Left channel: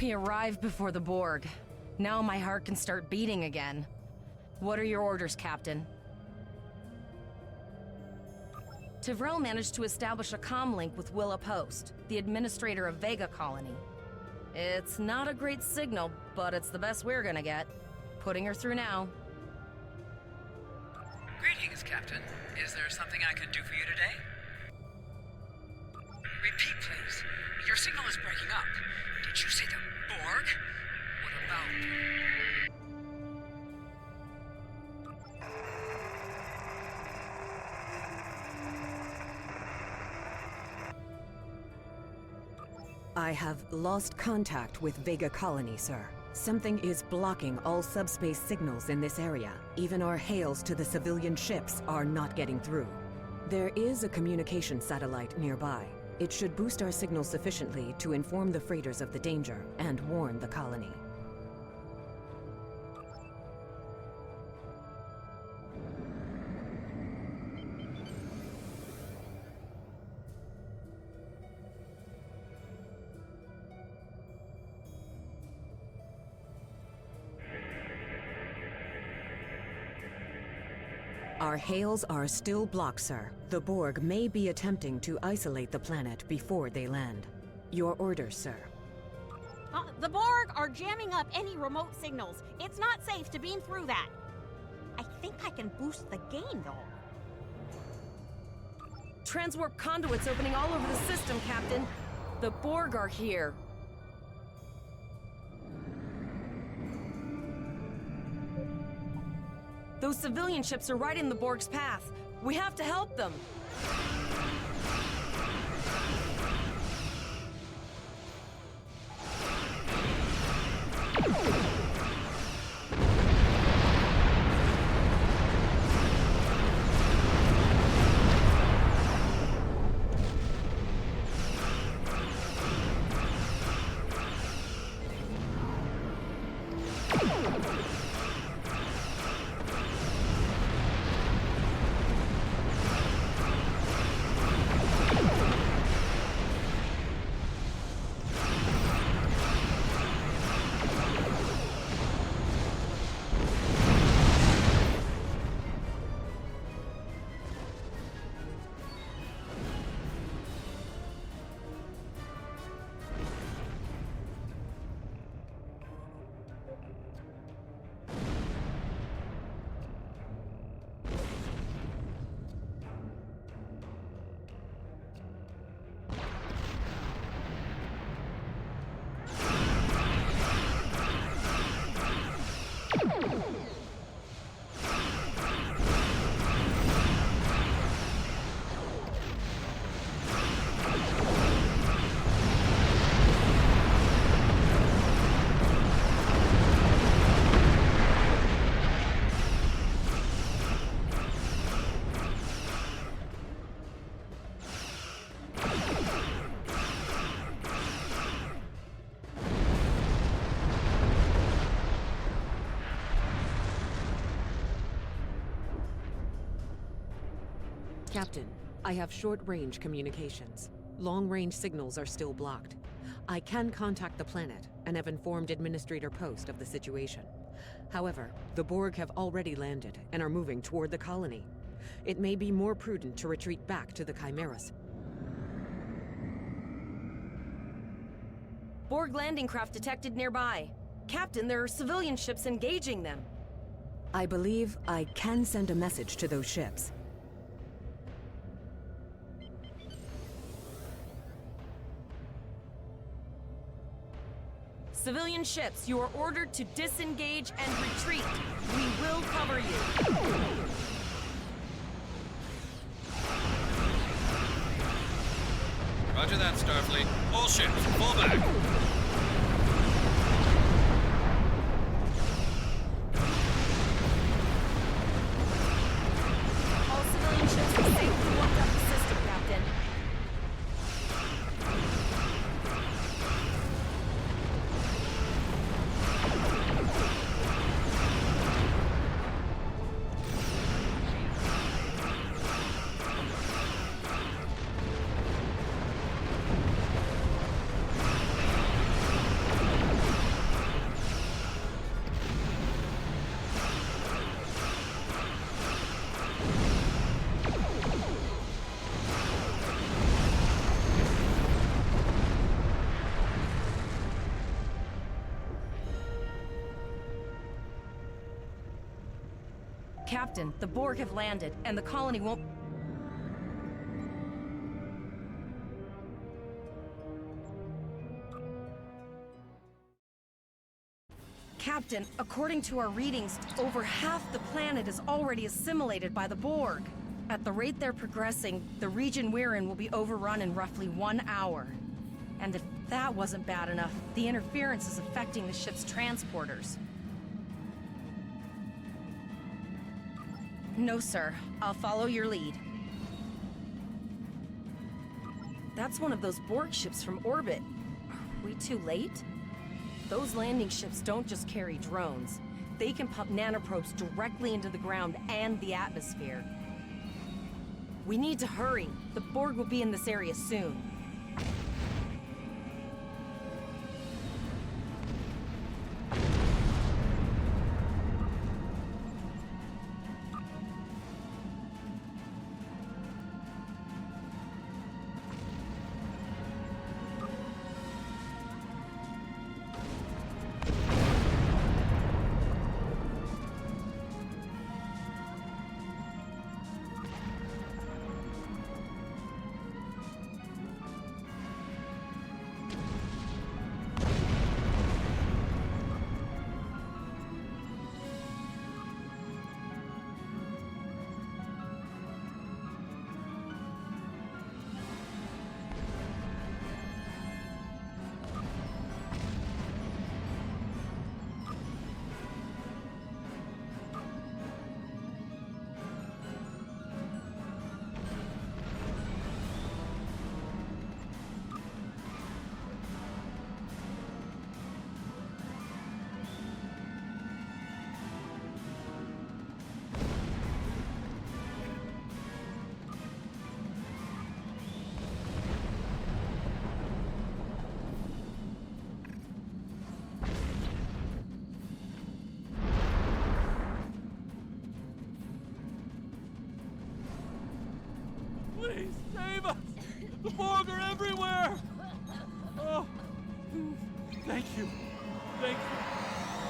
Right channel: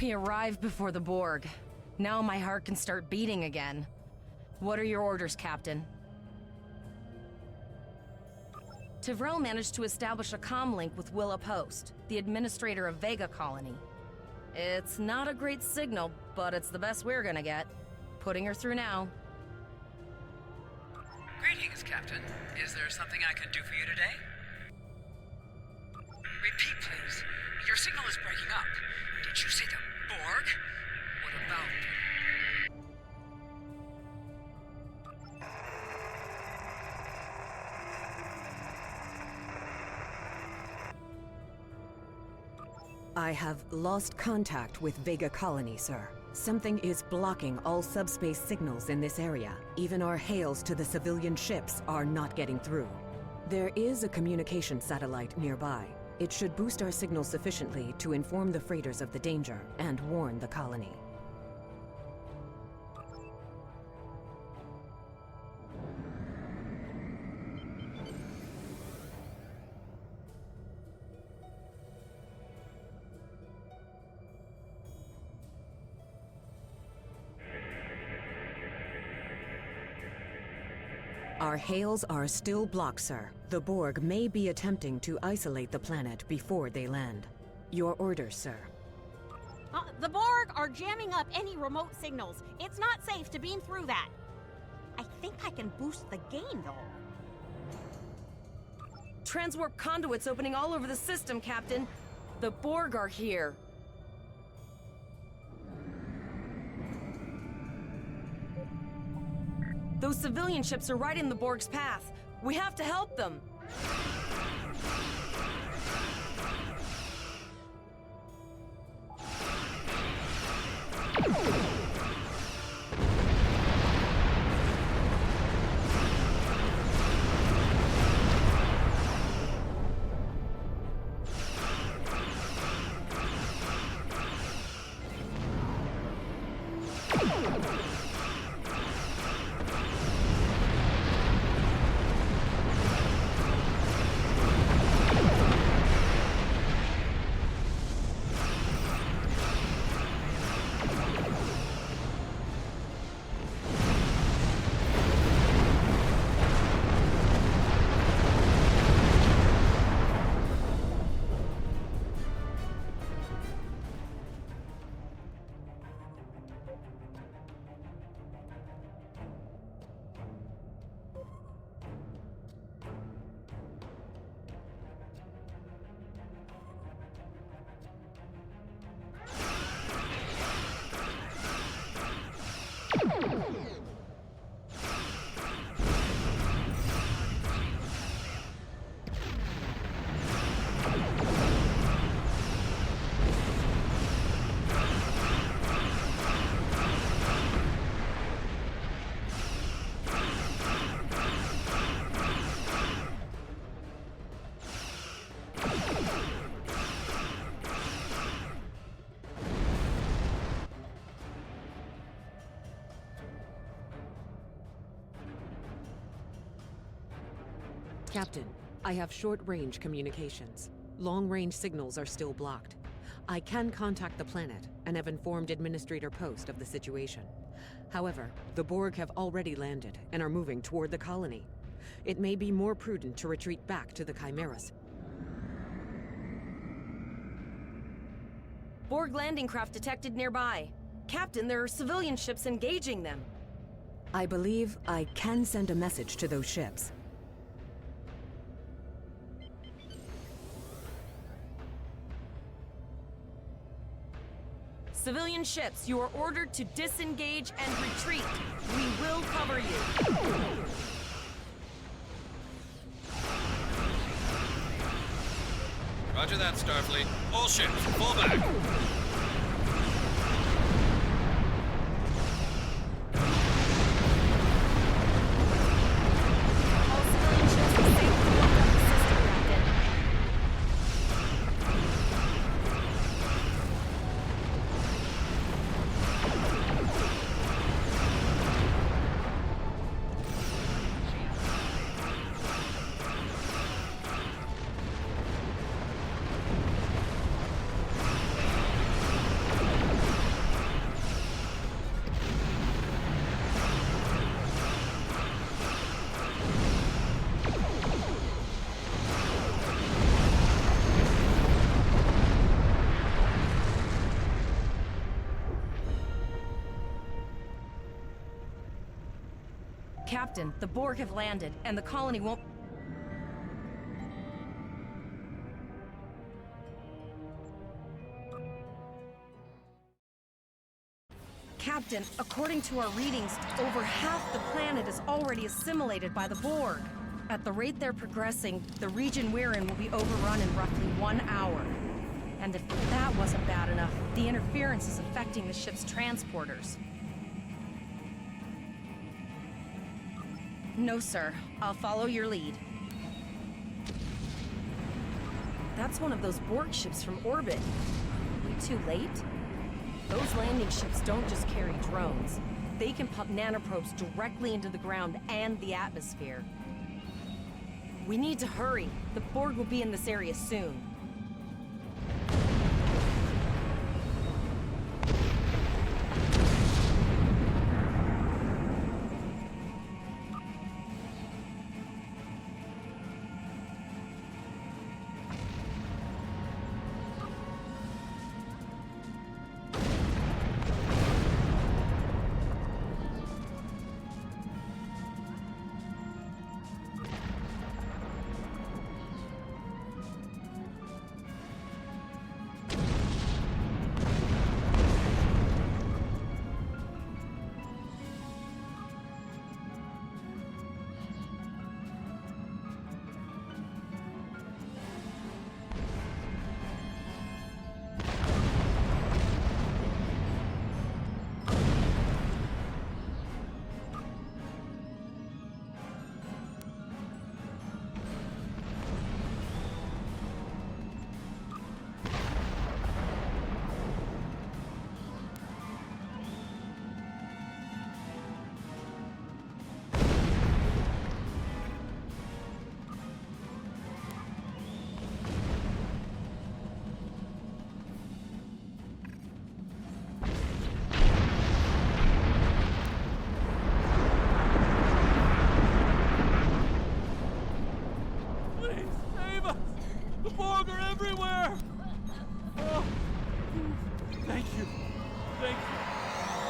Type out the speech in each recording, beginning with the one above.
We arrived before the Borg. Now my heart can start beating again. What are your orders, Captain? Tivrel managed to establish a comm link with Willa Post, the administrator of Vega Colony. It's not a great signal, but it's the best we're gonna get. Putting her through now. Greetings, Captain. Is there something I can do for you today? Repeat, please. Your signal is breaking up. Did you say the Borg? What about... I have lost contact with Vega Colony, sir. Something is blocking all subspace signals in this area. Even our hails to the civilian ships are not getting through. There is a communication satellite nearby. It should boost our signal sufficiently to inform the freighters of the danger and warn the colony. Our hails are still blocked, sir. The Borg may be attempting to isolate the planet before they land. Your orders, sir. The Borg are jamming up any remote signals. It's not safe to beam through that. I think I can boost the gain, though. Transwarp conduits opening all over the system, Captain. The Borg are here. Those civilian ships are right in the Borg's path. We have to help them. Captain, I have short-range communications. Long-range signals are still blocked. I can contact the planet and have informed Administrator Post of the situation. However, the Borg have already landed and are moving toward the colony. It may be more prudent to retreat back to the Chimeras. Borg landing craft detected nearby. Captain, there are civilian ships engaging them. I believe I can send a message to those ships. Civilian ships, you are ordered to disengage and retreat. We will cover you. Roger that, Starfleet. All ships, fall back. All civilian ships are safely blocked up the system, Captain. Captain, the Borg have landed, and the colony won't... Captain, according to our readings, over half the planet is already assimilated by the Borg. At the rate they're progressing, the region we're in will be overrun in roughly 1 hour. And if that wasn't bad enough, the interference is affecting the ship's transporters. No, sir. I'll follow your lead. That's one of those Borg ships from orbit. Are we too late? Those landing ships don't just carry drones. They can pump nanoprobes directly into the ground and the atmosphere. We need to hurry. The Borg will be in this area soon. Please, save us! The Borg are everywhere! Oh, thank you. Thank you.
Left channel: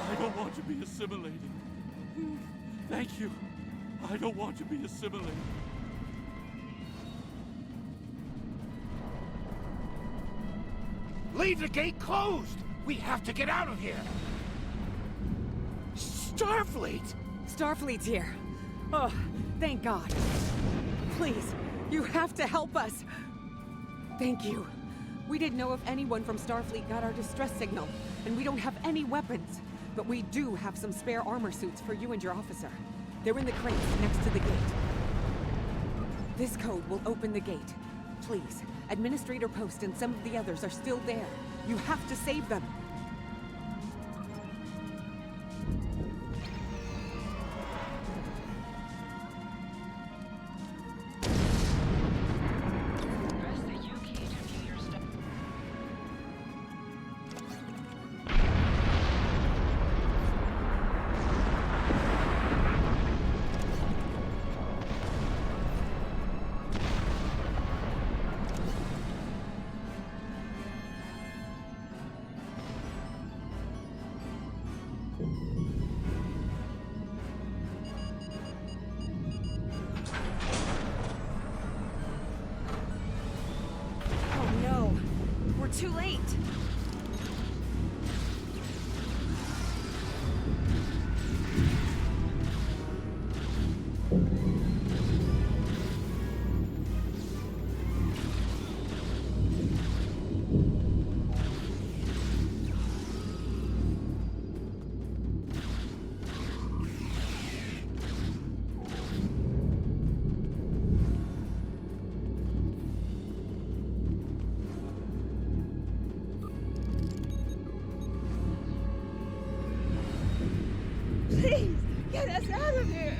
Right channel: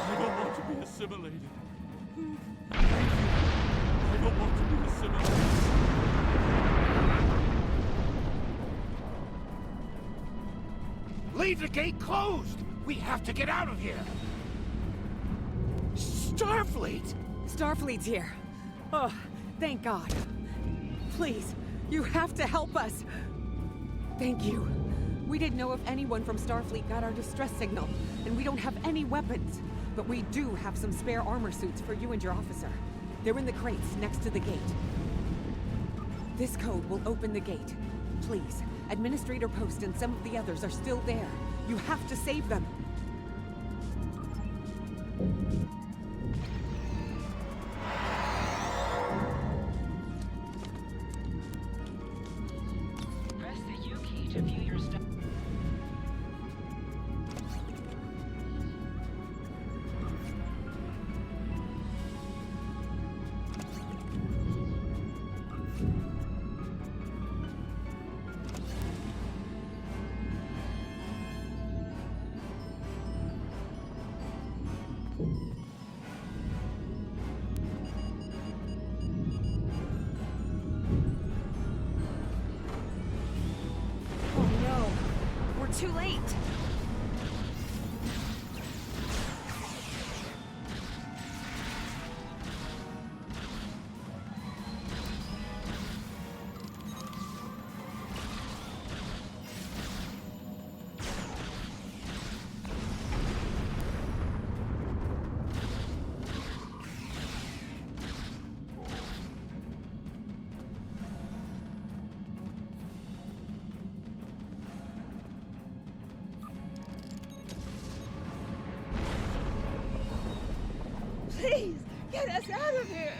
I don't want to be assimilated. Thank you. I don't want to be assimilated. Leave the gate closed! We have to get out of here! Starfleet! Starfleet's here. Oh, thank God. Please, you have to help us. Thank you. We didn't know if anyone from Starfleet got our distress signal, and we don't have any weapons. But we do have some spare armor suits for you and your officer. They're in the crates next to the gate. This code will open the gate. Please, Administrator Post and some of the others are still there. You have to save them. Press the U key to view your stuff. Oh no! We're too late! Please, get us out of here!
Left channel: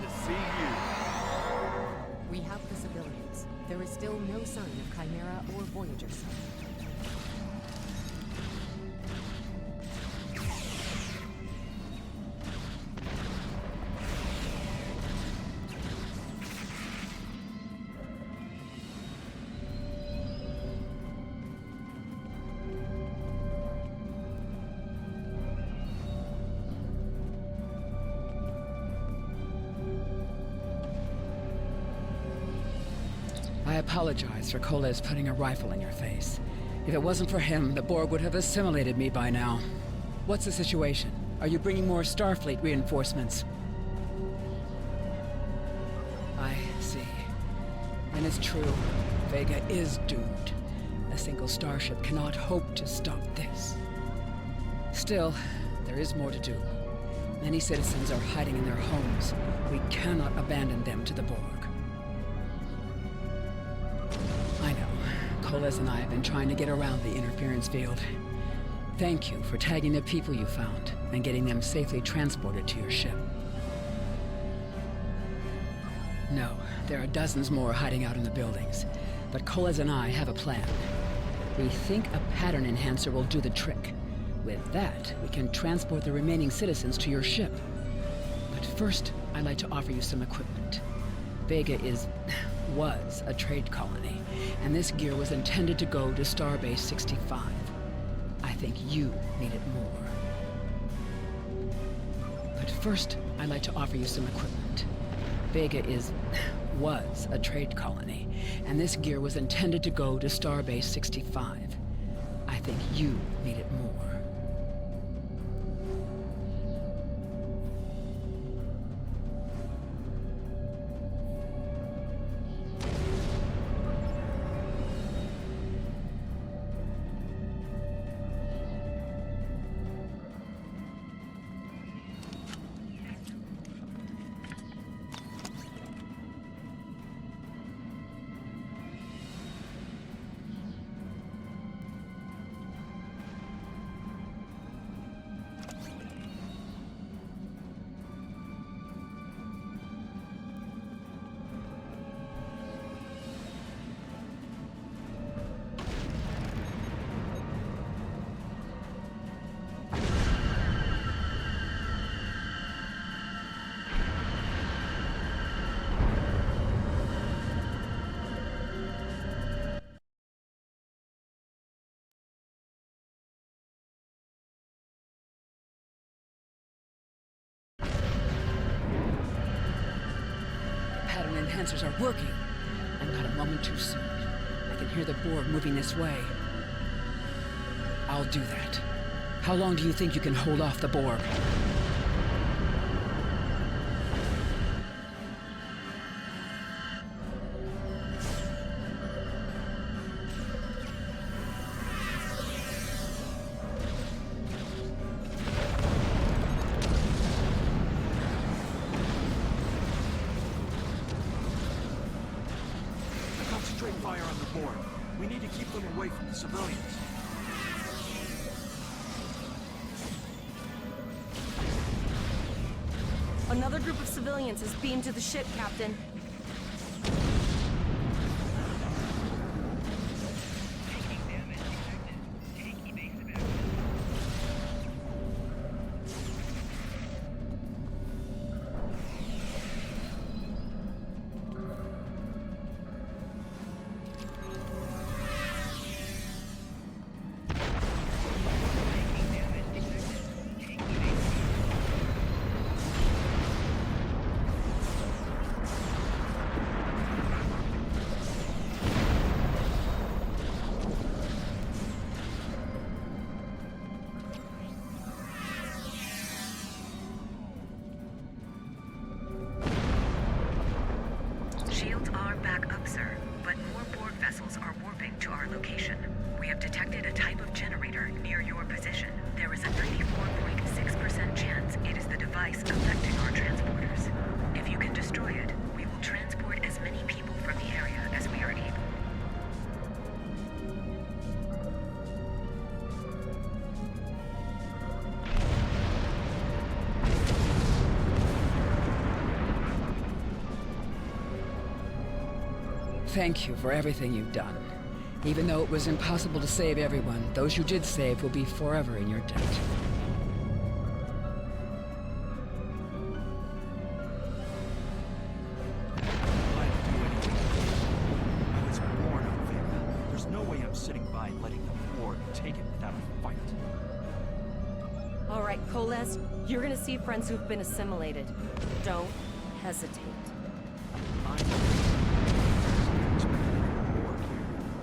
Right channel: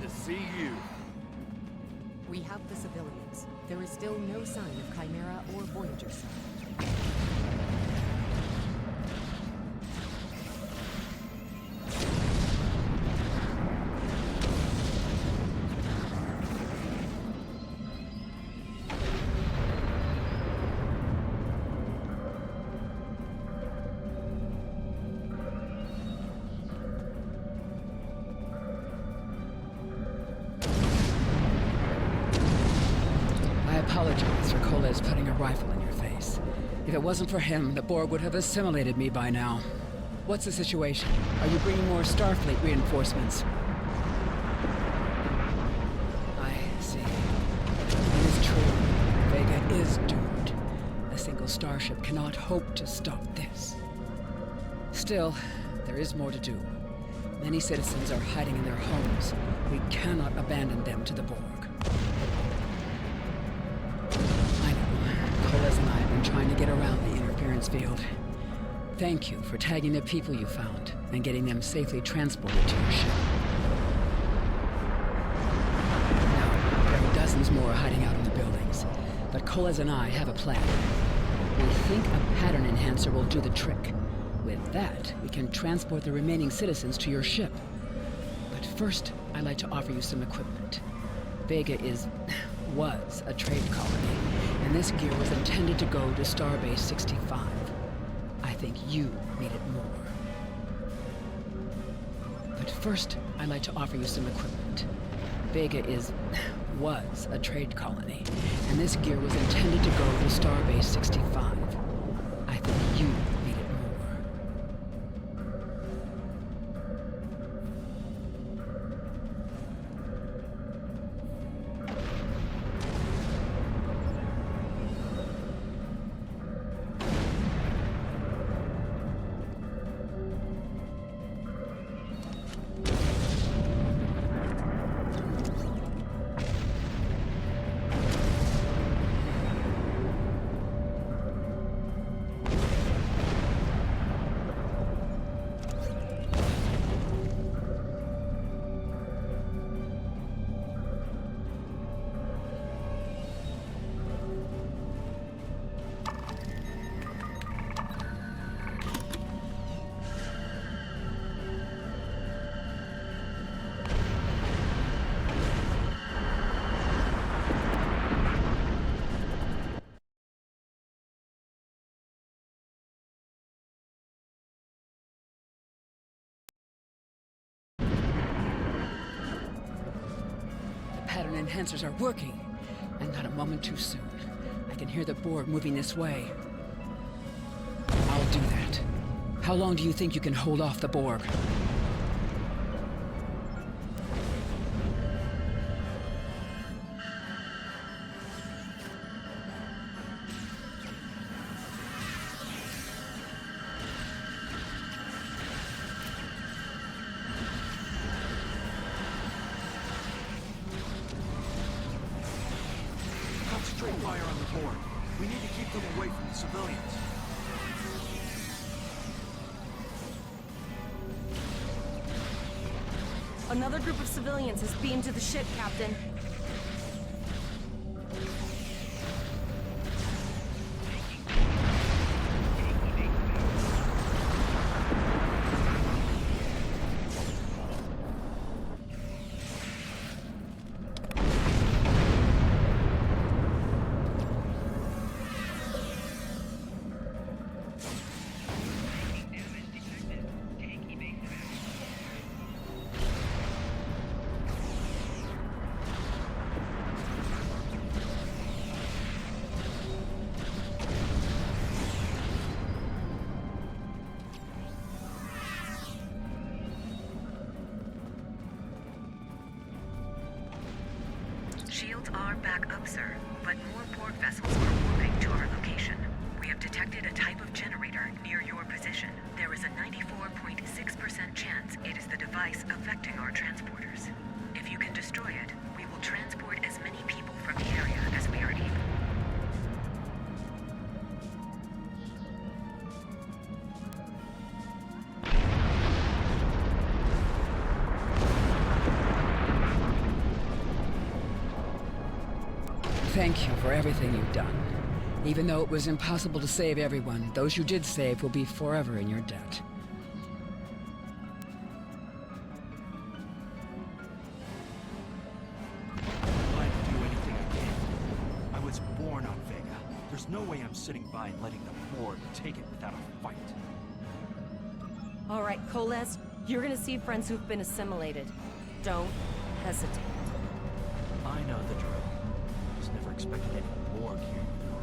glad to see you. We have the civilians. There is still no sign of Chimera or Voyager sub. I apologize for Koles putting a rifle in your face. If it wasn't for him, the Borg would have assimilated me by now. What's the situation? Are you bringing more Starfleet reinforcements? I see. And it's true. Vega is doomed. A single starship cannot hope to stop this. Still, there is more to do. Many citizens are hiding in their homes. We cannot abandon them to the Borg. I know. Koles and I have been trying to get around the interference field. Thank you for tagging the people you found and getting them safely transported to your ship. No, there are dozens more hiding out in the buildings, but Koles and I have a plan. We think a pattern enhancer will do the trick. With that, we can transport the remaining citizens to your ship. But first, I'd like to offer you some equipment. Vega was a trade colony, and this gear was intended to go to Starbase 65. I think you need it more. But first, I'd like to offer you some equipment. Vega was a trade colony, and this gear was intended to go to Starbase 65. I think you need it more. Pattern enhancers are working, and not a moment too soon. I can hear the Borg moving this way. I'll do that. How long do you think you can hold off the Borg? Concentrate fire on the Borg. We need to keep them away from the civilians. Another group of civilians has beamed to the ship, Captain. Shields are back up, sir, but more Borg vessels are warping to our location. We have detected a type of generator near your position. There is a 94.6% chance it is the device affecting our transporters. If you can destroy it, we will transport as many people from the area as we are able. Thank you for everything you've done. Even though it was impossible to save everyone, those you did save will be forever in your debt. Glad to do anything I can. I was born on Vega. There's no way I'm sitting by and letting the Borg take it without a fight. All right, Koles, you're gonna see friends who've been assimilated. Don't hesitate. I know. Just never expected any Borg here, you know.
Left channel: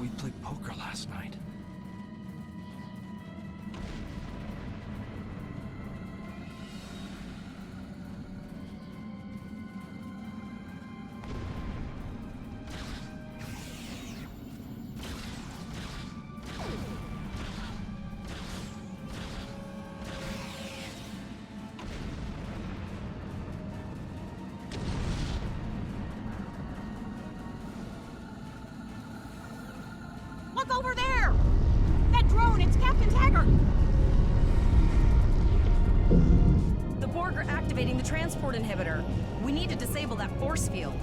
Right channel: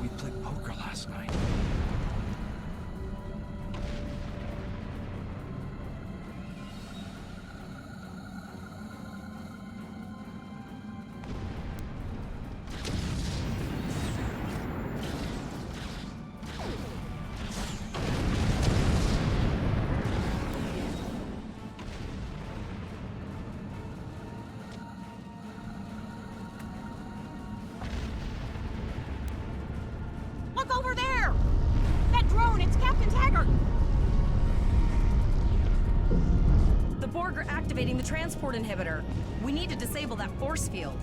We played poker last night. Look over there! That drone, it's Captain Taggart! The Borg are activating the transport inhibitor. We need to disable that force field.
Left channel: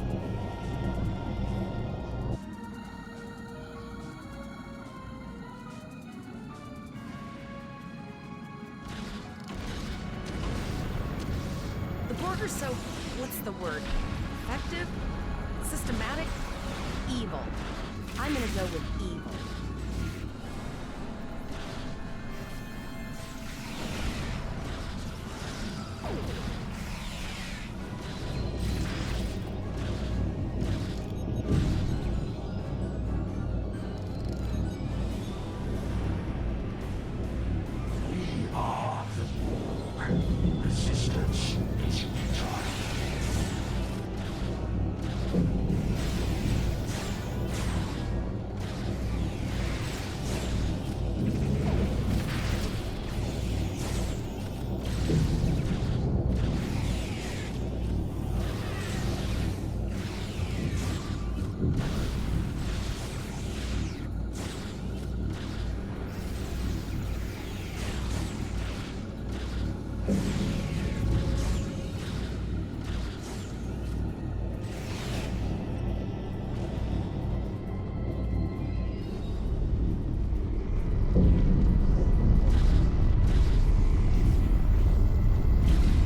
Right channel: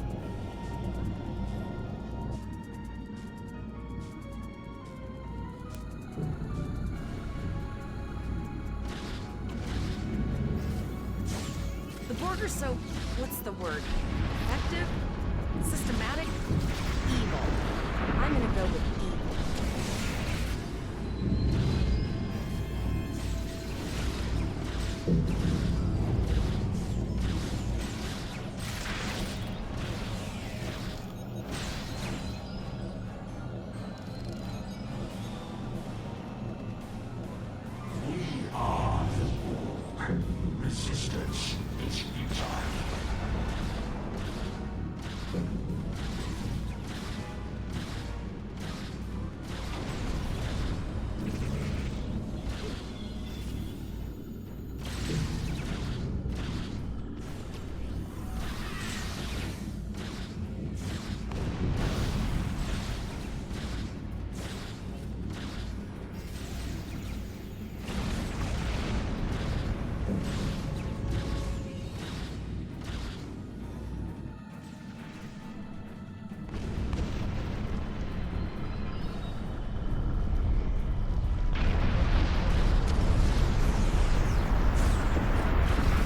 The Borg are so, what's the word? Effective? Systematic? Evil. I'm gonna go with evil. Resistance is futile.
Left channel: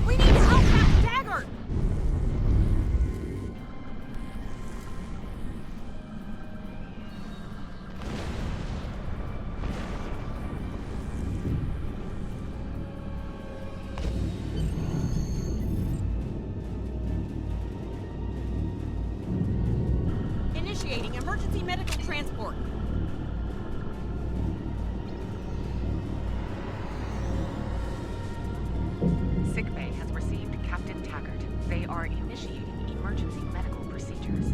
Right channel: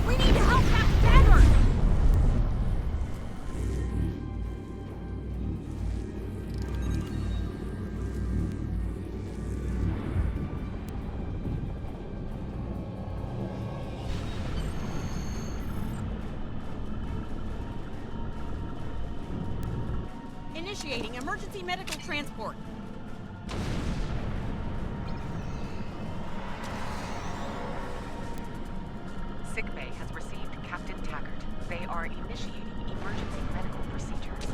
We need to help Captain Taggart! Initiating emergency medical transport. Sickbay has received Captain Taggart. They are initiating emergency medical procedures.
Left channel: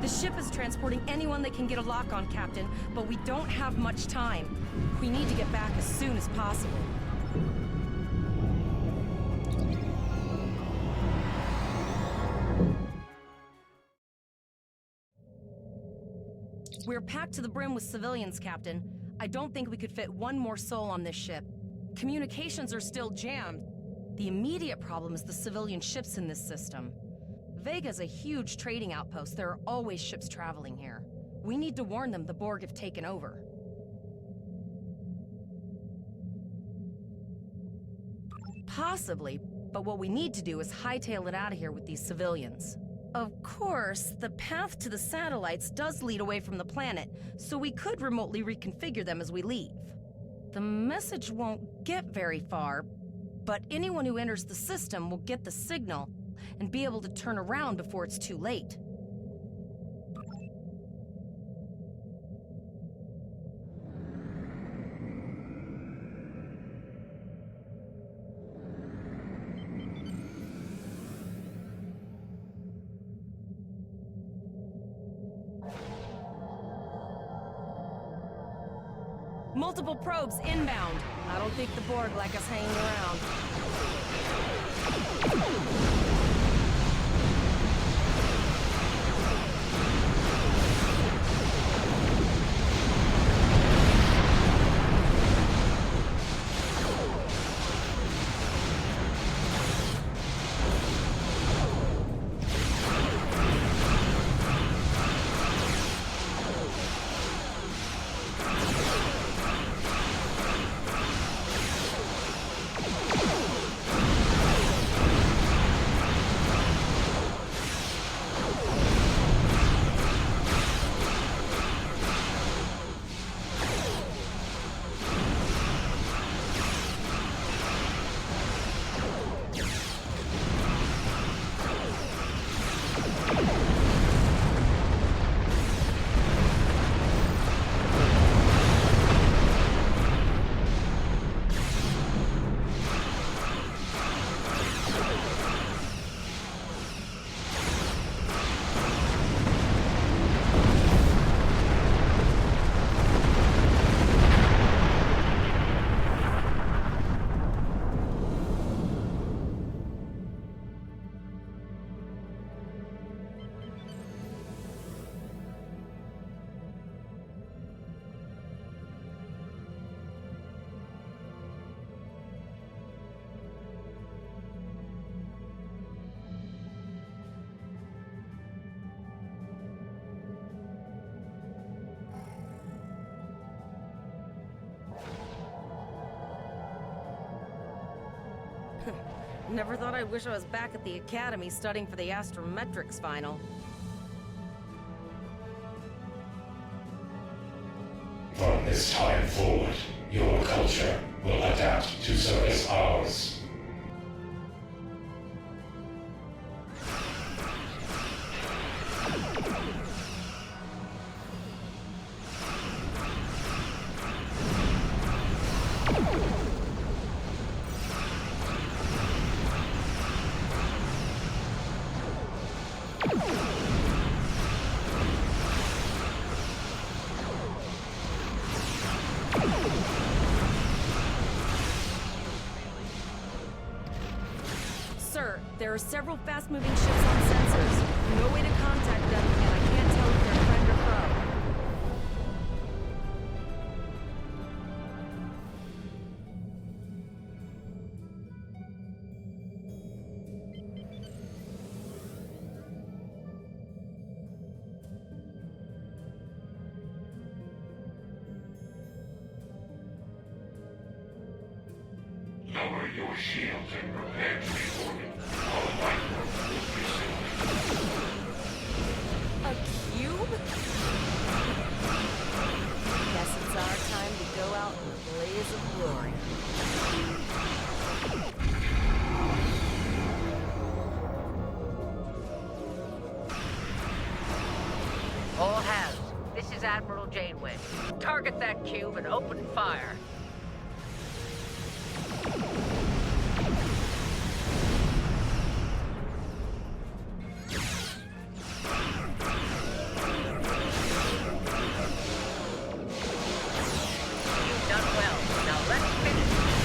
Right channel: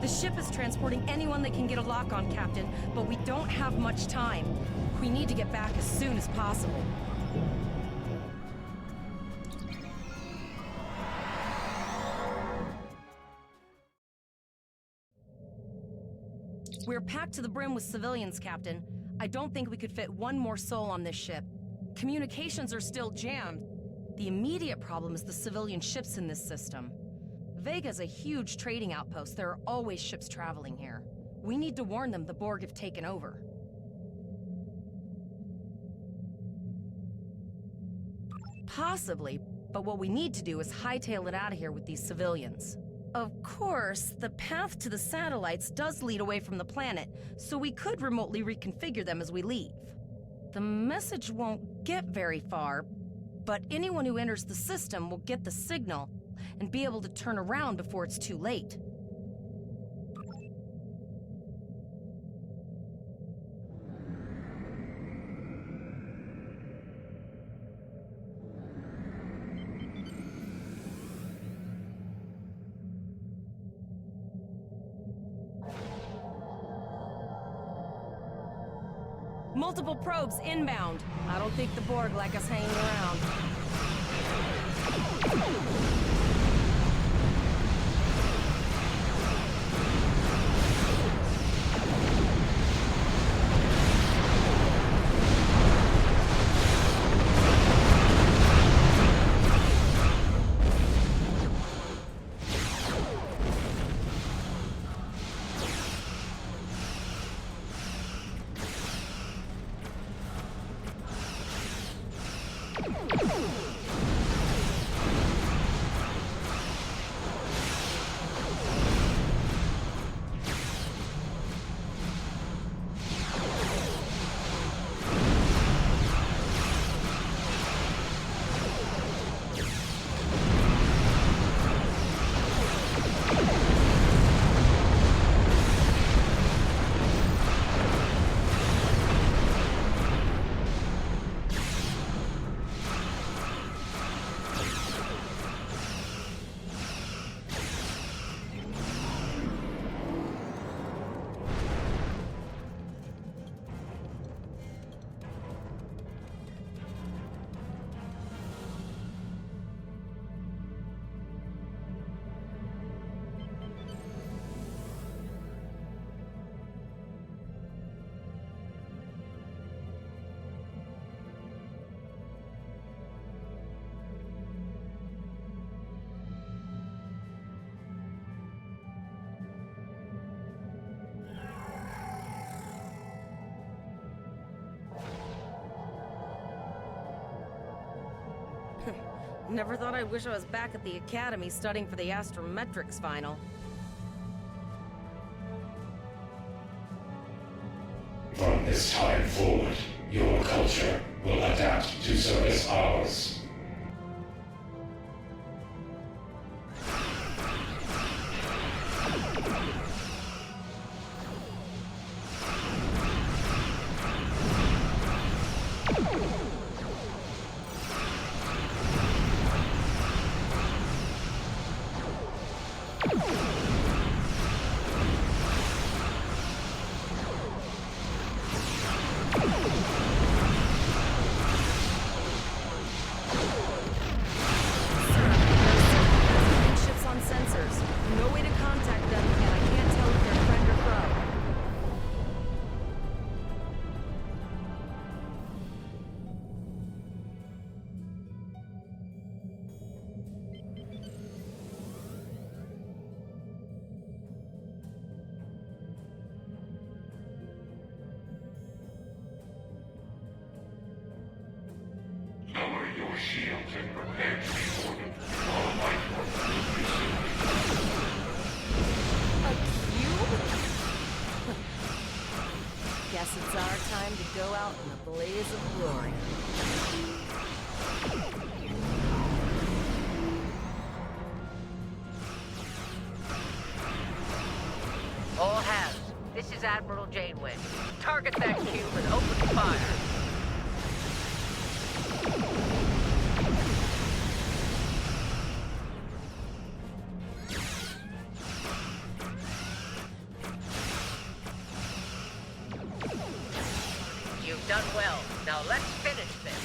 The ship is transporting anyone that can get a lock on, Captain, but we don't have much time. We need to get back as soon as possible. We're packed to the brim with civilians, Captain. I don't think we could fit one more soul on this ship. Communications are still jammed. The immediate problem is the civilian ships in this system. Vega's a huge trading outpost. There are always ships traveling here. We need to warn them the Borg have taken over. Possibly, but what we need to do is hightail it out of here with these civilians. Of course, the path to the satellites does lead away from the planet, so we could remotely reconfigure them as we leave. The message won't get very far, but anyone who enters the system will get the signal and be able to turn around before it's too late. Multiple probes inbound. I don't think the Borg like us hanging around. Never thought I'd wish I was back at the academy studying for the astrometrics final. From this time forward, your culture will adapt to service ours. Lower your shield and prepare to be ordered. All life force will be A cube? Guess it's our time to go out in a blaze of glory. All hands, this is Admiral Janeway. Target that cube and open fire. You've done well. Now let's finish this.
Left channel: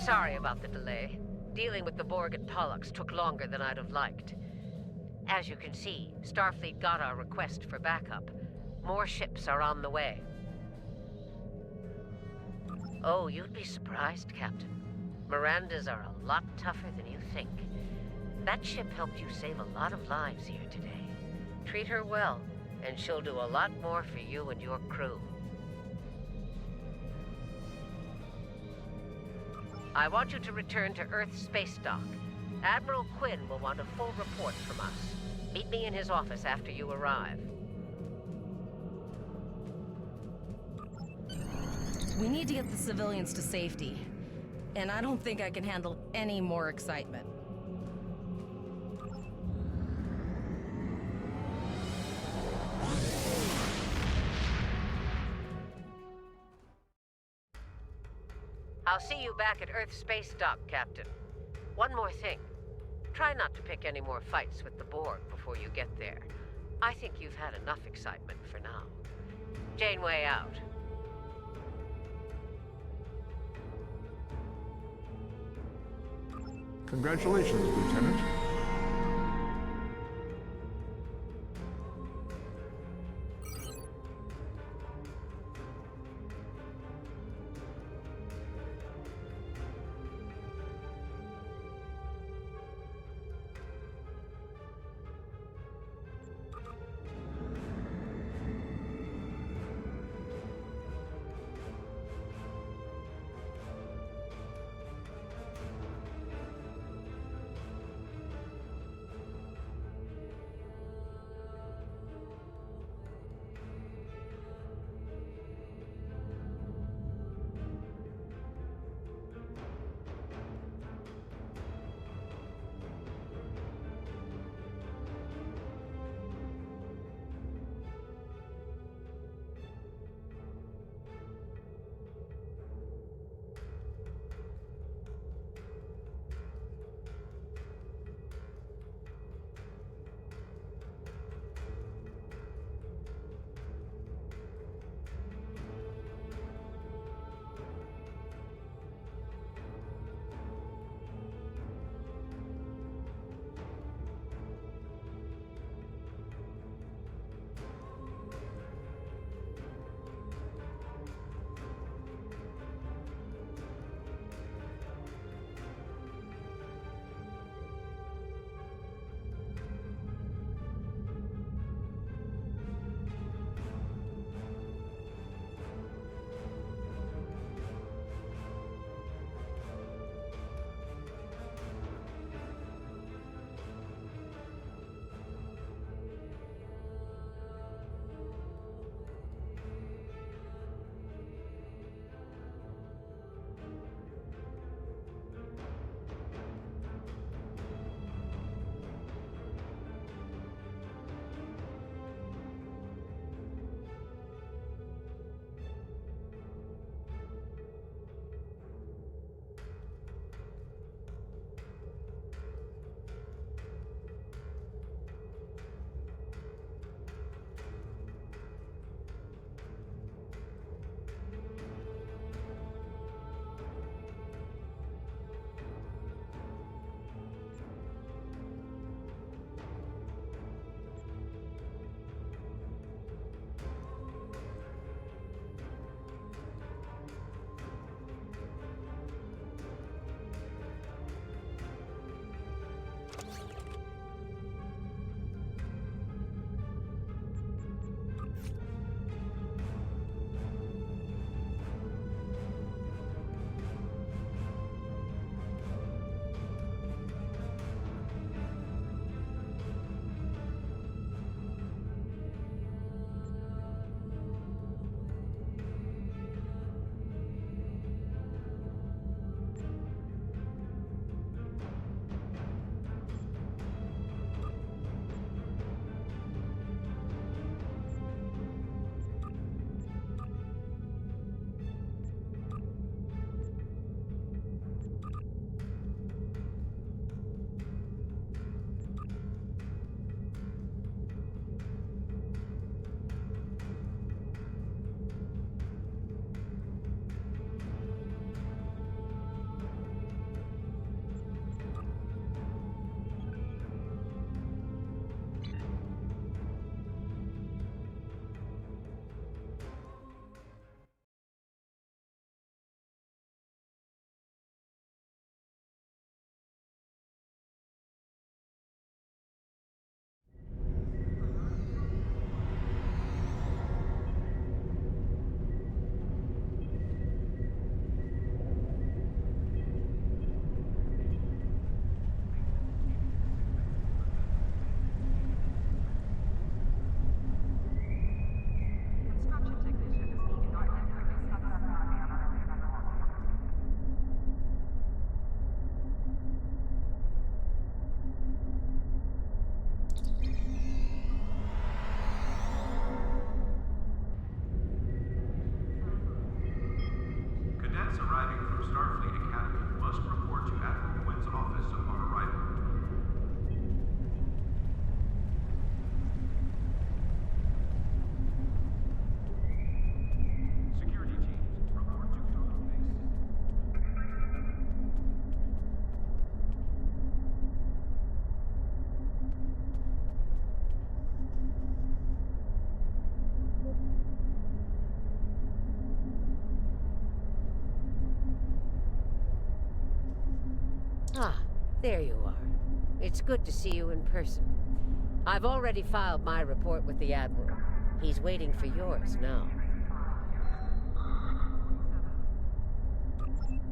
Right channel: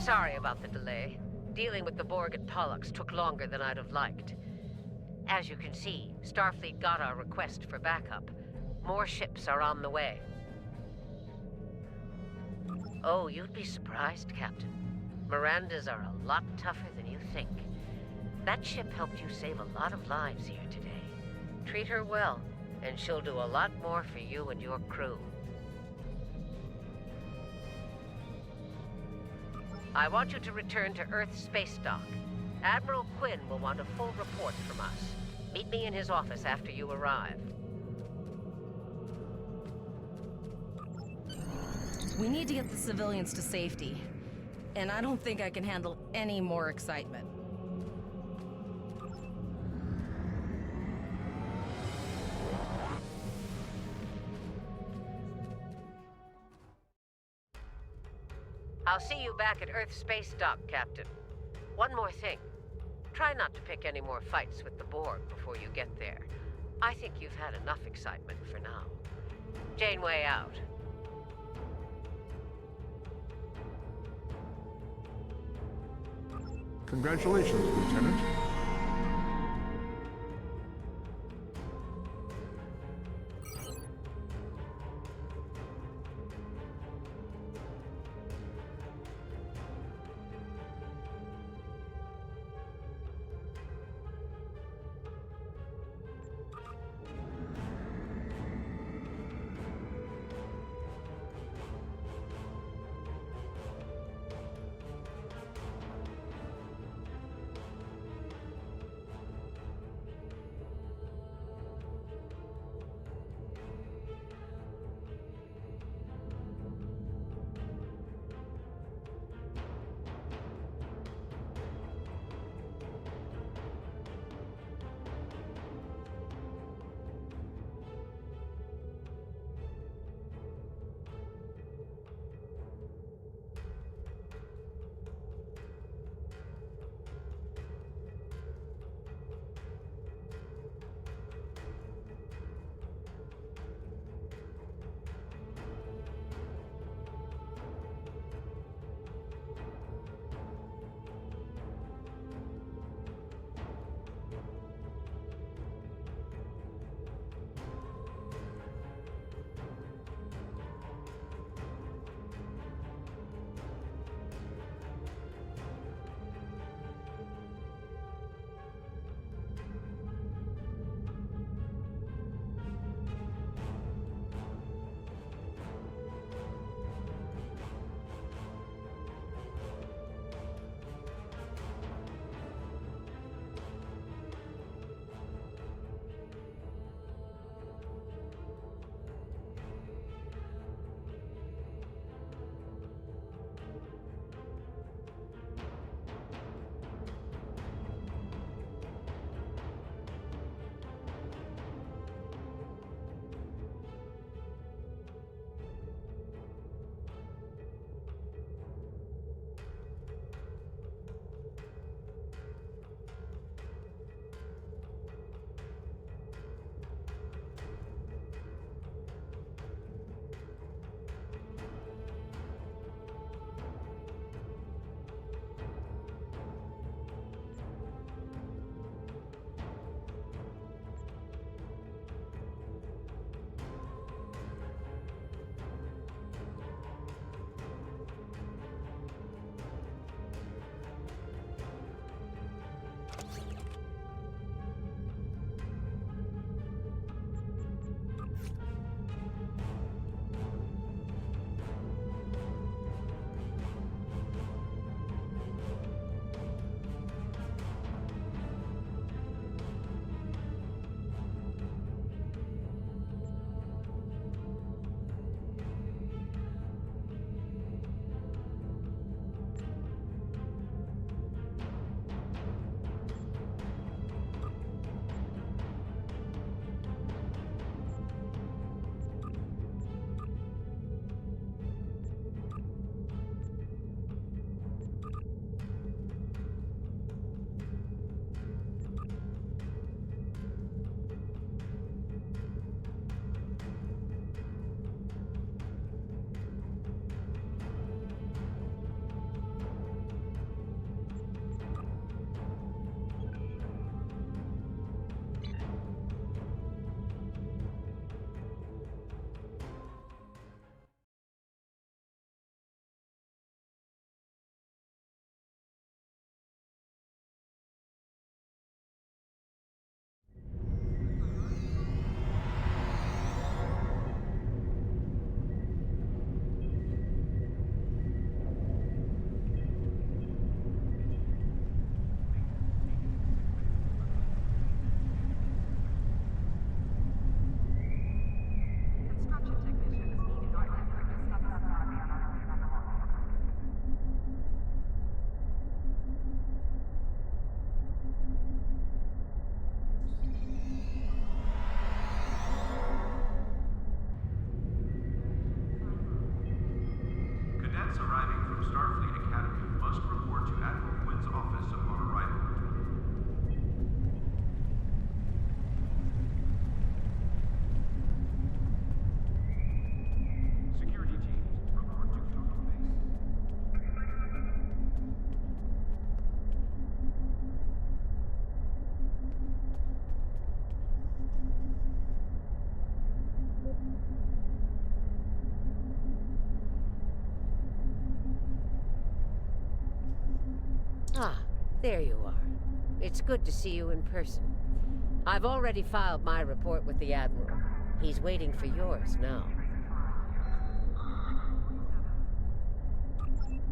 Sorry about the delay. Dealing with the Borg at Pollux took longer than I'd have liked. As you can see, Starfleet got our request for backup. More ships are on the way. Oh, you'd be surprised, Captain. Mirandas are a lot tougher than you think. That ship helped you save a lot of lives here today. Treat her well, and she'll do a lot more for you and your crew. I want you to return to Earth space dock. Admiral Quinn will want a full report from us. Meet me in his office after you arrive. We need to get the civilians to safety. And I don't think I can handle any more excitement. I'll see you back at Earth space dock, Captain. One more thing. Try not to pick any more fights with the Borg before you get there. I think you've had enough excitement for now. Janeway out. Congratulations, Lieutenant. Ah, there you are. It's good to see you in person. I've already filed my report with the Admiral. He's waiting for yours now.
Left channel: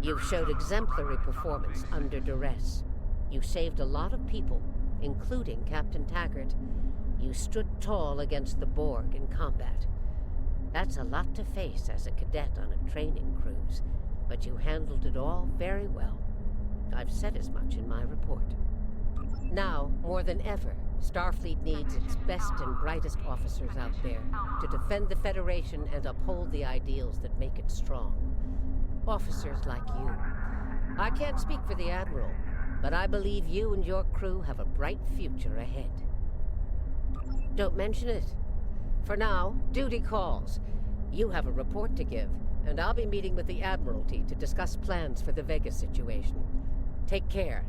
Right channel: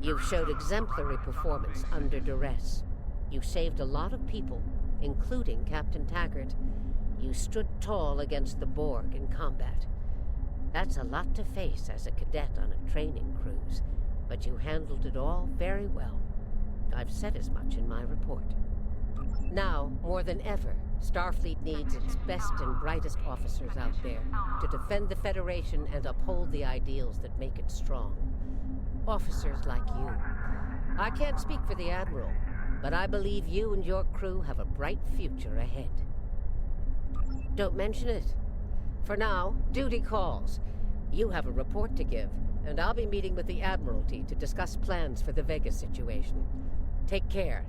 You've showed exemplary performance under duress. You saved a lot of people, including Captain Taggart. You stood tall against the Borg in combat. That's a lot to face as a cadet on a training cruise, but you handled it all very well. I've said as much in my report. Now, more than ever, Starfleet needs its best and brightest officers out there to defend the Federation and uphold the ideals that make it strong. Officers like you. I can't speak for the Admiral, but I believe you and your crew have a bright future ahead. Don't mention it. For now, duty calls. You have a report to give, and I'll be meeting with the Admiralty to discuss plans for the Vega situation. Take care.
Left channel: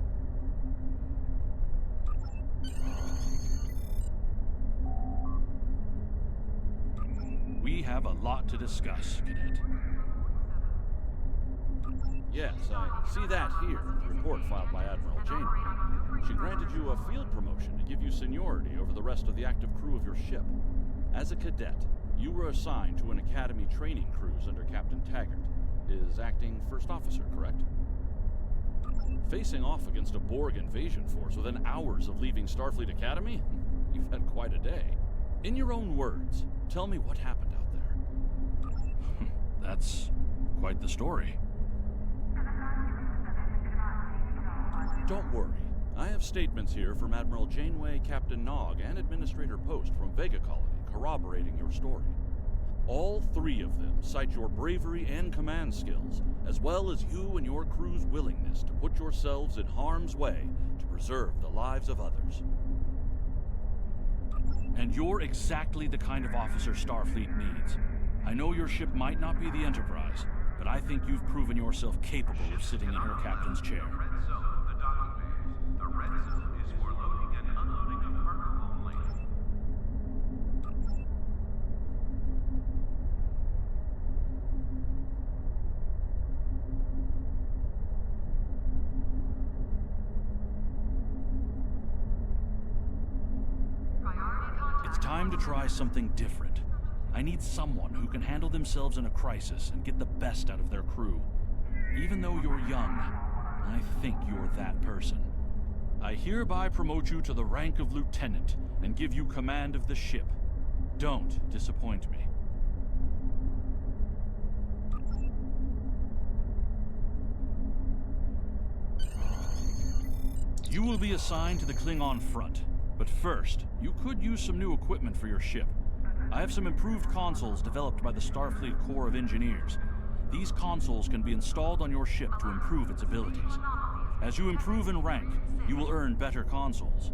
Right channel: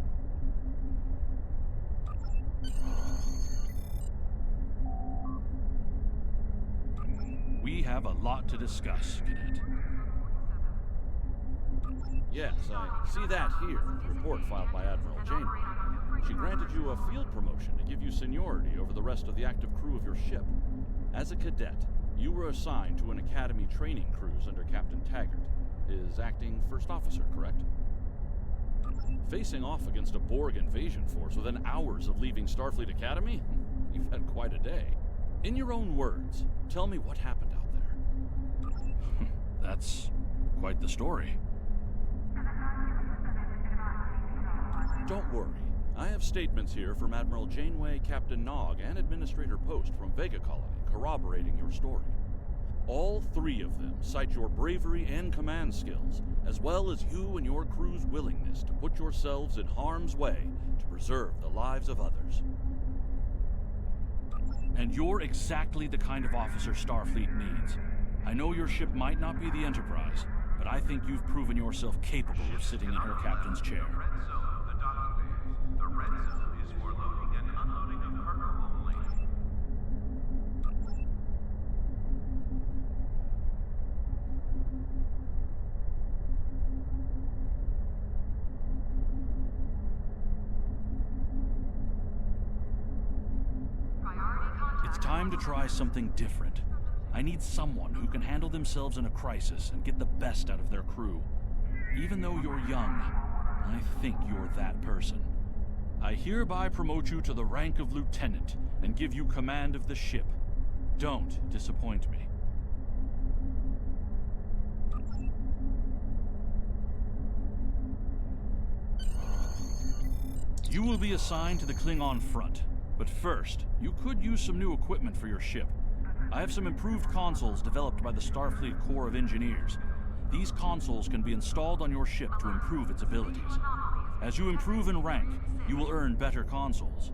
We have a lot to discuss, Cadet. Yes, I see that here in the report filed by Admiral Janeway. She granted you a field promotion to give you seniority over the rest of the active crew of your ship. As a cadet, you were assigned to an Academy training cruise under Captain Taggart, his acting first officer, correct? Facing off against a Borg invasion force within hours of leaving Starfleet Academy? You've had quite a day. In your own words, tell me what happened out there. That's quite the story. Don't worry. I have statements here from Admiral Janeway, Captain Nog, and Administrator Post from Vega Colony corroborating your story. All three of them cite your bravery and command skills, as well as you and your crew's willingness to put yourselves in harm's way to preserve the lives of others. And you're exactly the kind of officer Starfleet needs. I know your ship might not be the Enterprise, but I think you've proven yourself capable of sitting in her captain's chair. The red zone is for loading and unloading of cargo only. It's time to try something different. I need someone who can handle themselves in a crisis and get the best out of their crew. Even though you're young, I think you're that person. I hereby promote you to the rank of lieutenant and give you command of the ship. Don't disappoint me. You will be assigned to the Klingon front, but first, you could use some new equipment for your ship. I have some improved consoles developed by the Starfleet Corps of Engineers. These consoles can be installed on your ship to improve its abilities. As you improve in rank, you will earn better consoles.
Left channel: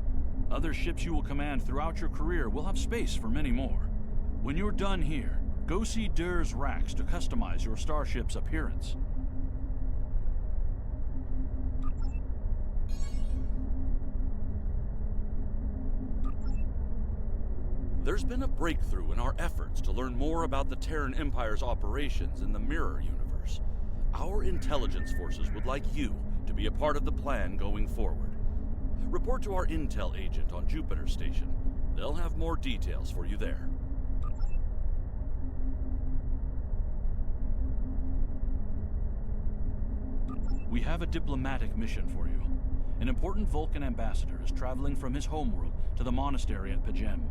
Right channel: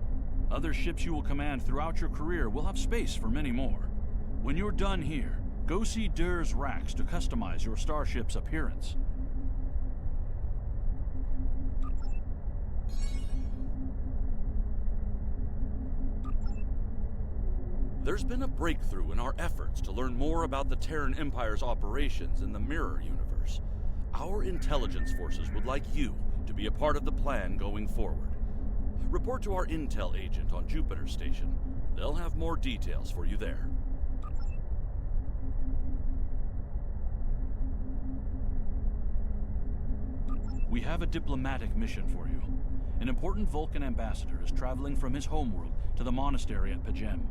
Other ships you will command throughout your career will have space for many more. When you're done here, go see Durr's racks to customize your starship's appearance. There's been a breakthrough in our efforts to learn more about the Terran Empire's operations in the Mirror Universe. Our intelligence forces would like you to be a part of the plan going forward. Report to our intel agent on Jupiter Station. They'll have more details for you there. We have a diplomatic mission for you. An important Vulcan ambassador is traveling from his homeworld to the monastery at Pajem.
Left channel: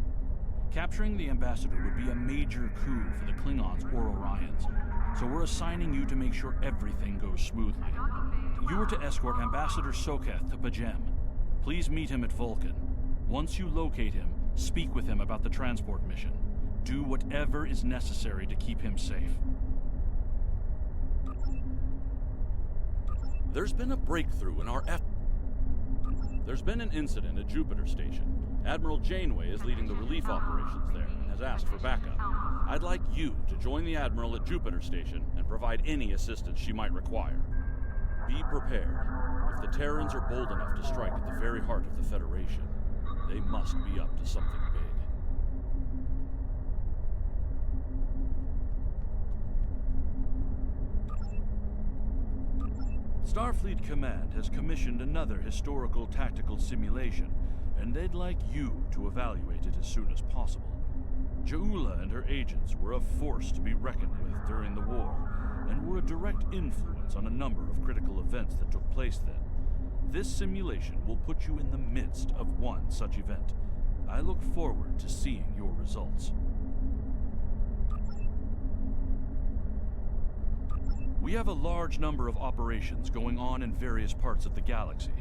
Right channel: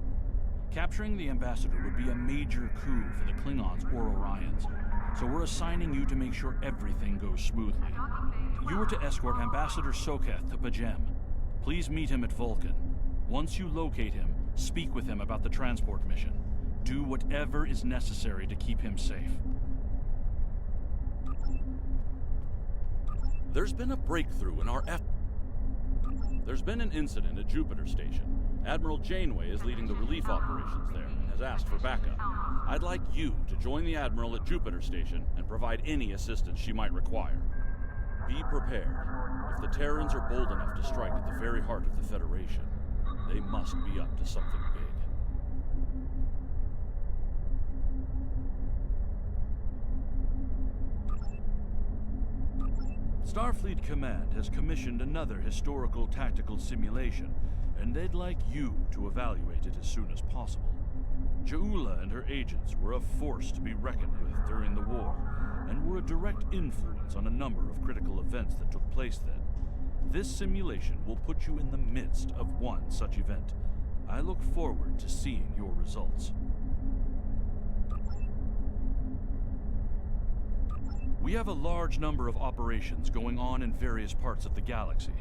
Capturing the ambassador would be a major coup for the Klingons or Orions, so we're assigning you to make sure everything goes smoothly. You are to escort Ambassador Soketh to Pajem. Please meet him at Vulcan. Once you locate him, speak with him about the transport mission. Do whatever is necessary to keep him safe. There's been a breakthrough in our efforts. There's been an incident at Jupiter Station. Admiral Janeway is leading the relief operations there and has asked for backup. I'd like you to join the Admiral at Jupiter Station and provide any assistance she might require. Be prepared. If the Terrans are bold enough to strike at the very heart of the Federation, they must be up to something big. Starfleet Command has commissioned another historical tactical simulation, and they'd like you to evaluate it as soon as possible. Ja'ula and her agents were a force to be reckoned with during the war, and were a direct influence on a number of critical events that took place then. This simulation will put you in the midst of one such event. I look forward to seeing your results. We have a large number of operations going on in various parts of the galaxy,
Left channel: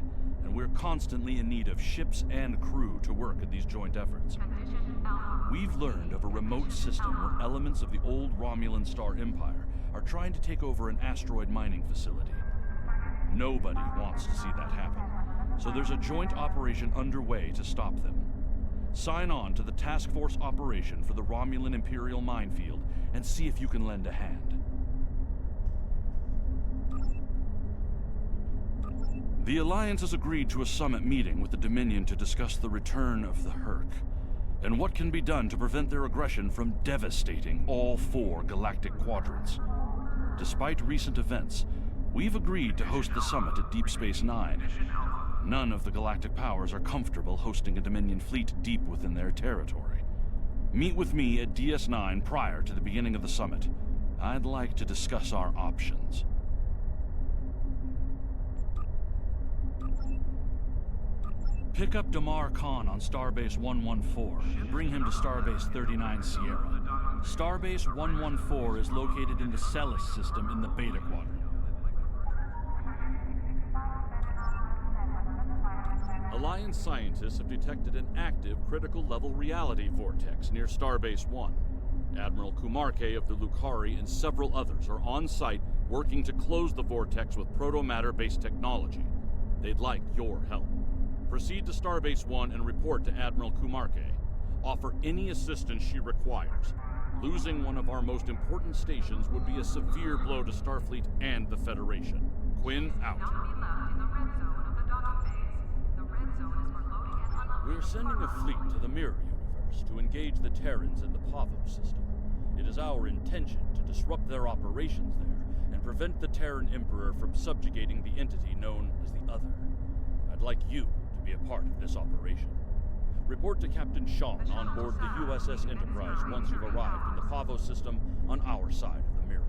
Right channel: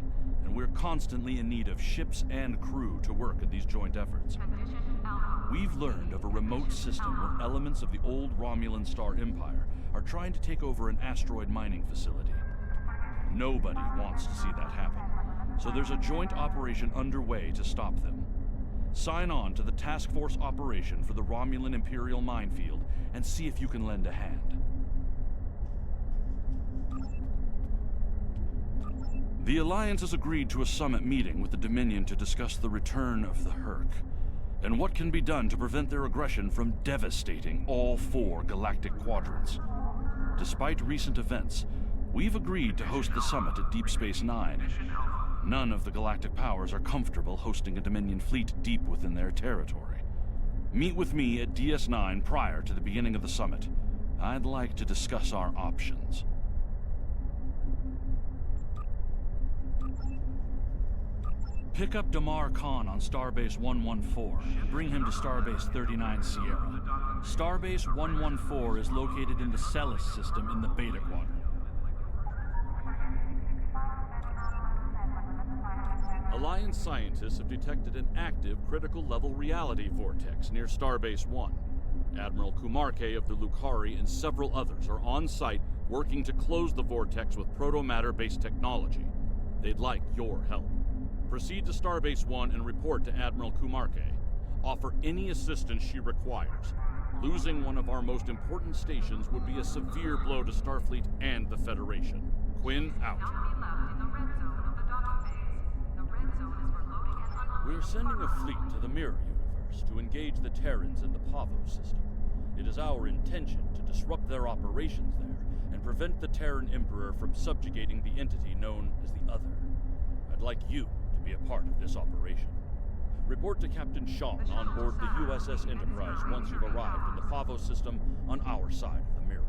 and we're constantly in need of ships and crew to work at these joint efforts. We've learned of a remote system where elements of the old Romulan Star Empire are trying to take over an asteroid mining facility. Nobody wants to see that happen, so there's a joint operation underway to stop them. Sign on to the task force operation for the Romulan Imperial minefield and see if you can lend a hand. The Alliance has agreed to a summit meeting with the Dominion to discuss the return of the Herc, and what can be done to prevent their aggression from devastating all 4 galactic quadrants. Despite recent events, we've agreed to host the summit at Deep Space Nine. None of the galactic powers are comfortable hosting a Dominion fleet deep within their territory. Meet with me at DS9 prior to the beginning of the summit. I'd like to discuss our options. Pick up Damar Khan on Starbase 114 and bring him to Starbase 39 Sierra. Starbase 114 is located in the Celis system in the Beta Quadrant. Alliance scientists have detected an active critical-level reality vortex near Starbase 1. Admiral Kumarke of the Lukari and several others are on site working to close the vortex with proto-matter-based technology. They'd like your help. Proceed to Starbase 1 and report to Admiral Kumarke. Offer any assistance she requires. Losing one of our most important stations would be a severe blow to Starfleet and the Federation. Quinn, out. We're sending a fleet to the Mirror Universe to engage the Terrans in the Pavo system. It is our intention to disrupt their operations there and prevent the Terran Emperor from subjugating the entity known as the Other. I'd like you to be a part of this operation. Report to Captain Shawn on board the USS Enterprise once you've arrived in the Pavo system on our side of the mirror.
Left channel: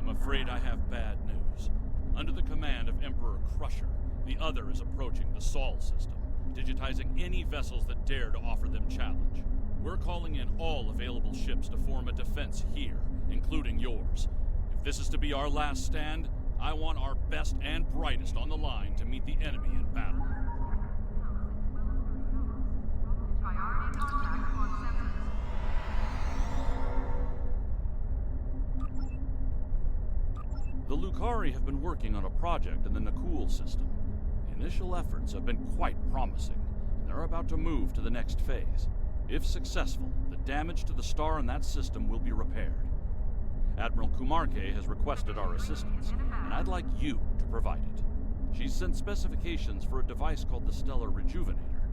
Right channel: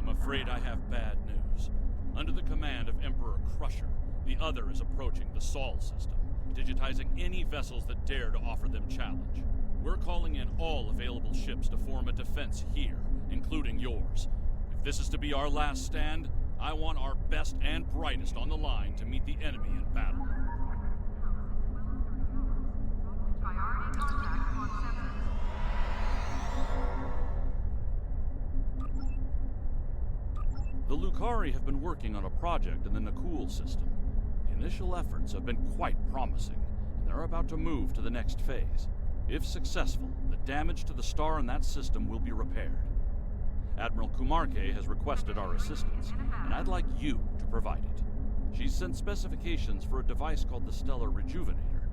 I'm afraid I have bad news. Under the command of Emperor Crusher, the Other is approaching the Sol system, digitizing any vessels that dare to offer them challenge. We're calling in all available ships to form a defense here, including yours. If this is to be our last stand, I want our best and brightest on the line to meet the enemy in battle. Priority contact on sensors. The Lukari have been working on a project in the Nakul system. The initial efforts have been quite promising, and they're about to move to the next phase. If successful, the damage to the star in that system will be repaired. Admiral Kumarke has requested our assistance, and I'd like you to provide it. She's sent specifications for a device called the Stellar Rejuvenator.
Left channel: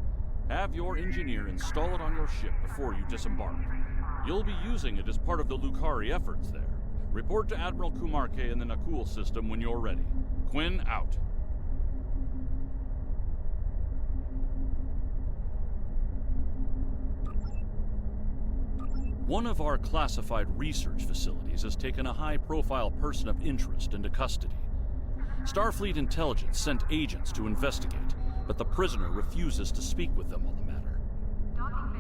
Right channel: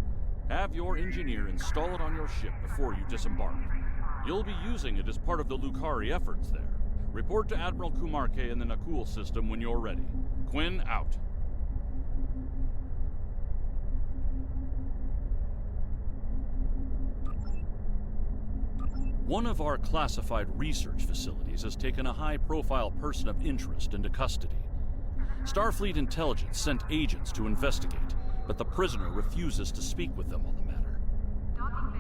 Have your engineer install it on your ship before you disembark. You'll be using it as part of the Lukari efforts there. Report to Admiral Kumarke in the Nakul system when you're ready. Quinn, out. One of our classified research facilities has taken a high-profile person of interest into custody. Starfleet intelligence sent agents to investigate, but the prisoner refuses to speak with them on the matter.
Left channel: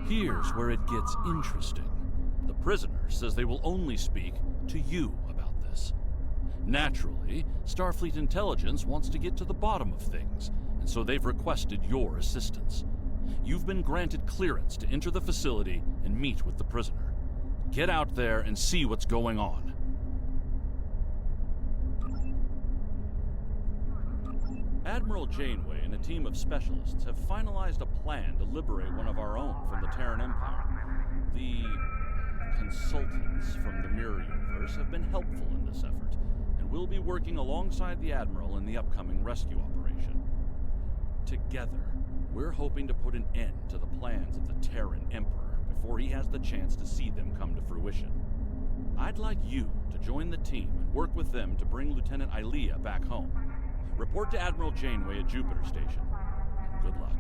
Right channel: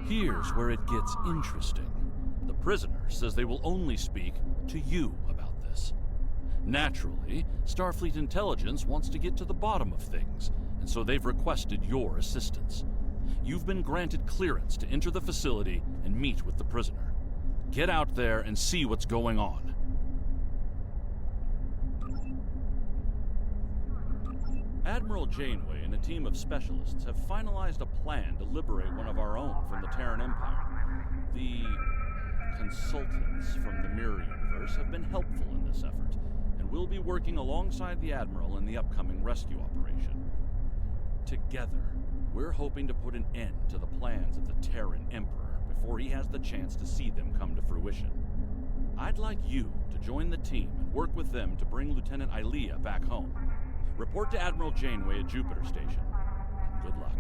Here's where it gets interesting. The prisoner says they will only speak to you about this. Naturally, Starfleet intelligence wants to get to the bottom of things, and so they've requested your assistance. You've been granted clearance to enter the facility and meet with the prisoner. Get out there and see what's going on. Admiral Janeway and a team of specialists have finalized a plan to liberate one of our own from the Terran Empire. The consultants from the Mirror Universe have been helpful in this effort, and will be working alongside the Admiral in the upcoming rescue operation. Together, we're hoping to put an end to the plans of the Terran Emperor before he has the chance to see them come to fruition. I'd like you to join the team and work with them to bring Lieutenant Ilea back home. Report to Admiral Janeway at Jupiter Station. And good luck.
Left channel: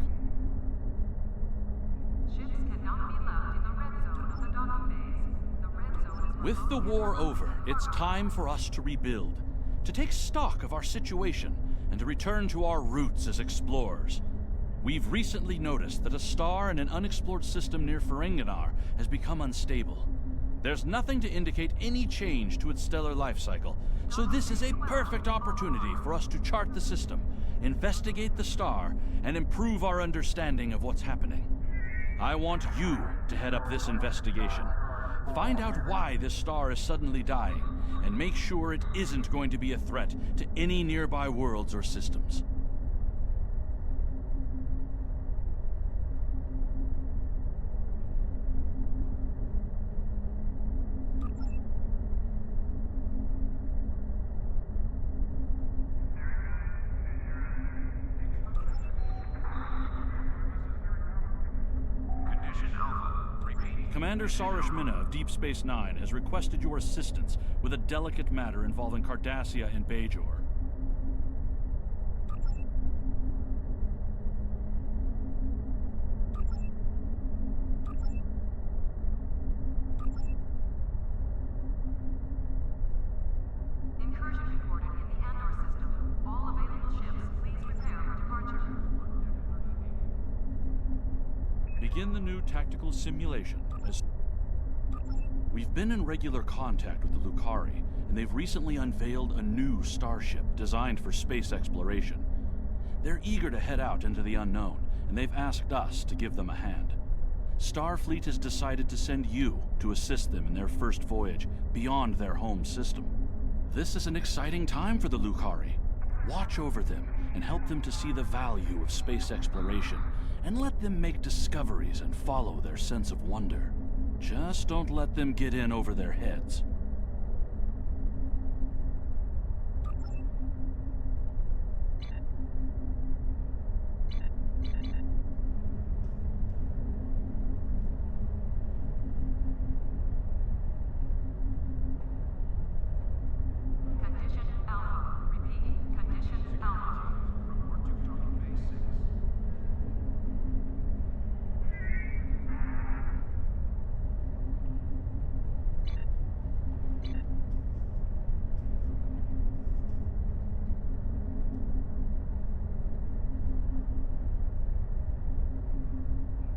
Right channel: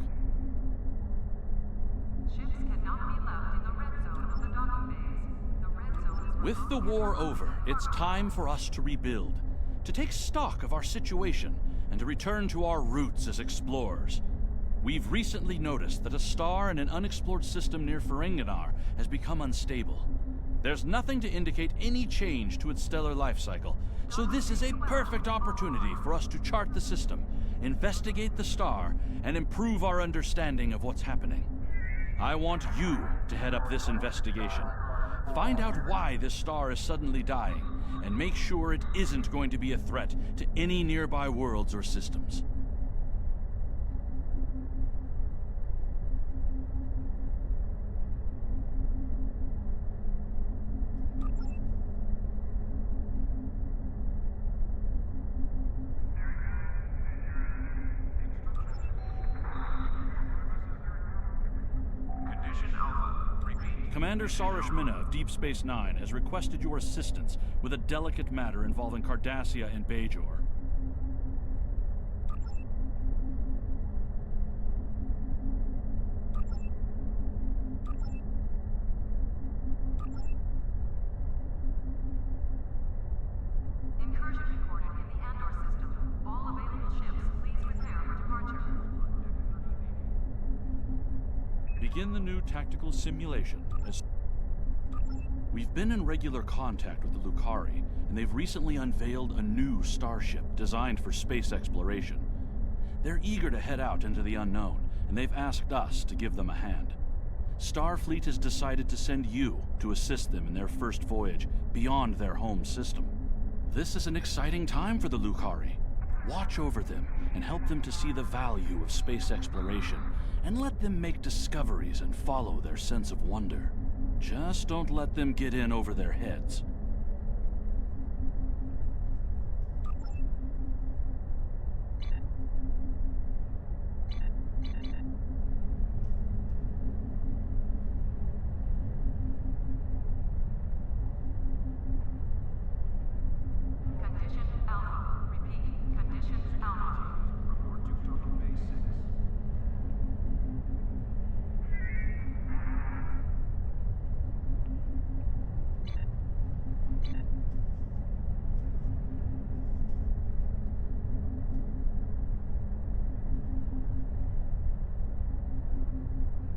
Ships cannot be left in the red zone of the docking bays. The red zone is... With the war over, it's time for us to rebuild, to take stock of our situation, and to return to our roots as explorers. We've recently noticed that a star in an unexplored system near Ferenginar has become unstable. There's nothing to indicate any change to its stellar life cycle, so this is a perfect opportunity for us to chart the system, investigate the star, and improve our understanding of what's happening. I want you to head up this investigation. Find out why this star is suddenly dying, and make sure it isn't going to be a threat to any nearby worlds or systems. Commander Sarish Minna of Deep Space Nine has requested your assistance with a delicate matter involving Cardassia and Bajor. Incursion reported in the Andor system. All available ships, please prepare for departure. Begin the new tactical simulation. We've been in regular contact with the Lucari, and they've recently unveiled a new starship designed for space exploration. They're eager to head out into the unknown, and they've asked us to give them a hand. Starfleet has decided to send you to assist them in their first voyage beyond their home system. This is an exciting time for the Lucari. Watch over them and help them to see the value of space exploration, and let them make discoveries and follow their sense of wonder. Just don't let them get in over their heads.